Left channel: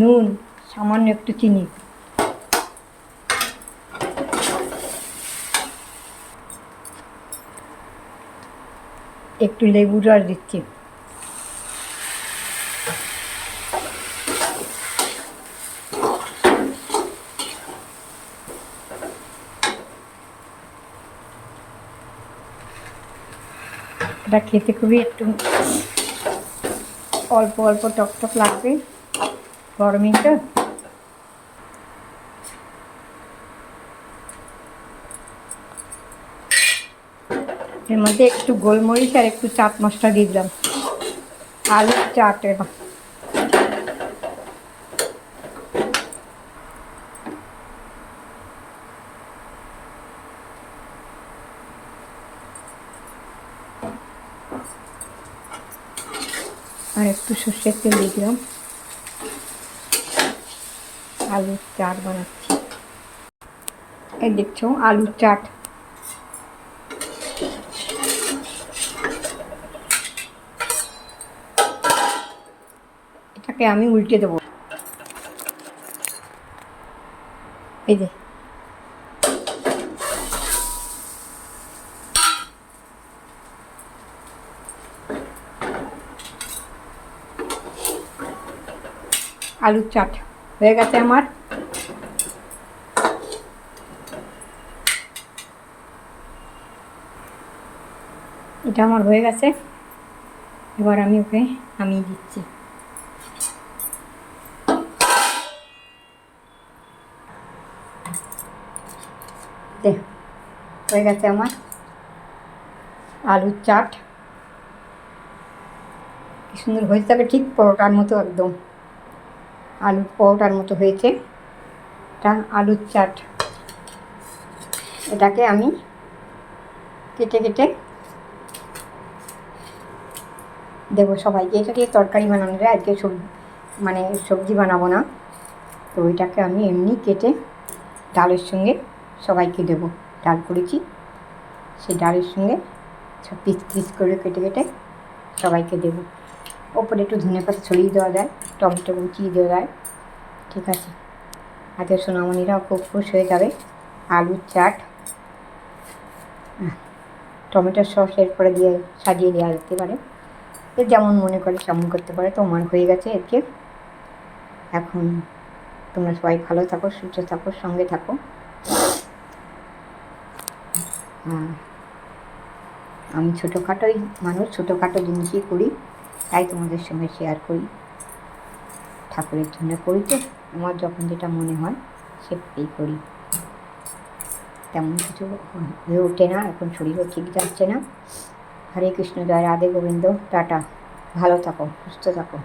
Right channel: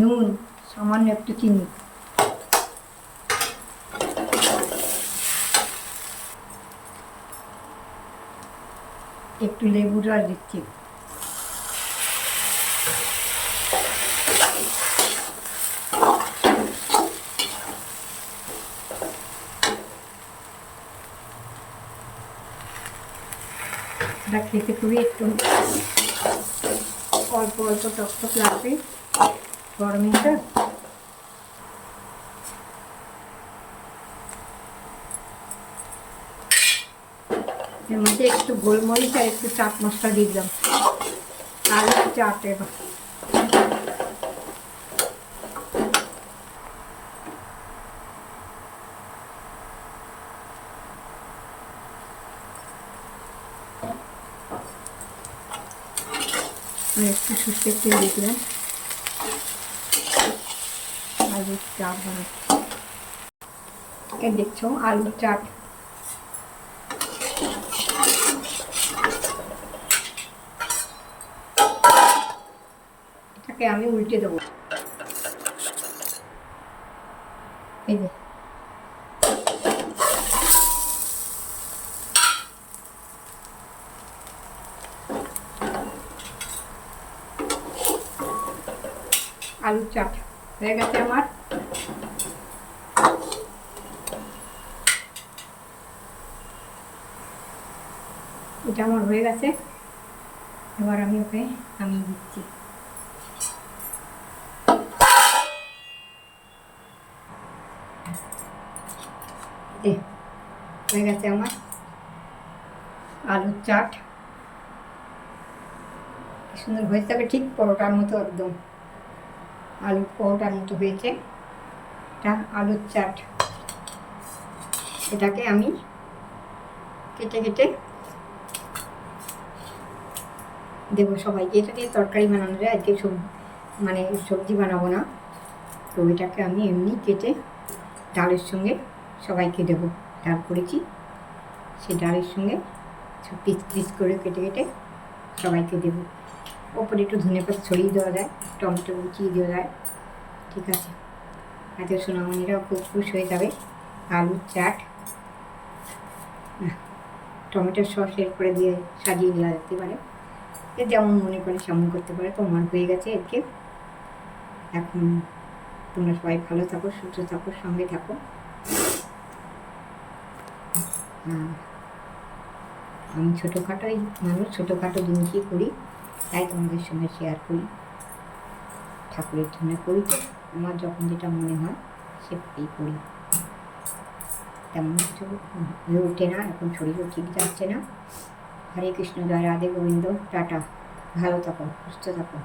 নুন, সামান্য একটু চিনি। একটু লেবু রস দিচ্ছি। এটা খেতে খুবই একটু অল্প অল্প টক টক লাগবে। গরমে তো এর মধ্যে একটু গোলমরিচ আর একটু চাট মশলা দিয়ে দিলাম। আলু চাট এবার। আর একটু সর্ষের তেল দিয়ে দিলাম। আলুর চাট বানাচ্ছি। এই দেখছ, আলুর চাট। এটাকে আমি উল্টে দেবো। এই যে। আলুর চাট। হয়ে গেছে আমার। এটা আমার হয়ে গেছে। এবার আমি ওকে নামিয়ে দিচ্ছি। হয়ে গেছে আমার। আলুর চাট। সুন্দর হয়ে যাবে ঠিক পরোটার মতো একদম। আলুর পরোটার মতো হয়েছে। এটা আলুর চাট। এটাকে আমি কেটে কেটে দেবো সবাইকে। এটা দিয়ে তরকারি বানানো যায়। আজকে সবজি মানে সবজি বানাবো না। তো এটাকে আমি এমনি কেটে ডালের সঙ্গে সবাইকে দেবো। ডাল করেছি। সেই ডালের সঙ্গে সব পিস পিস করে কেটে কেটে সবাইকে দেবো। ওপরে একটু ধনে পাতা ছড়িয়ে দেওয়া যায় টমেটো কুচিয়ে দেওয়া যায় ঠিক আছে? আজকে সোনামণিরাও খুব খুশ হয়ে যাবে। আলুর চাট। আহ, টমেটোর সস এরপরে দিয়ে সাজিয়ে দেওয়া যেতে পারে। যেমন মনে করে তেমন করতে পারে তো আমার হয়ে গেছে আজকে। এখন তোমরা সবাই ভালো থাকো সুস্থ থাকো সঙ্গে থাকো। আমি ছোটোখাটোই মানুষ ছোটোখাটো জিনিসই করি। তাই তোমাদের সঙ্গে শেয়ার করি। ঠাকুরের জন্য করি তো, আমার যখন যেটা মনে হয় সেটাই করি। তেমন কিছু হয়ে ওঠে না, এখন শরীরও ঠিক যাচ্ছে না। হরে কৃষ্ণ, জয় রাধে গোবিন্দ, টাটা। ভালো থাকো, সুস্থ থাকো।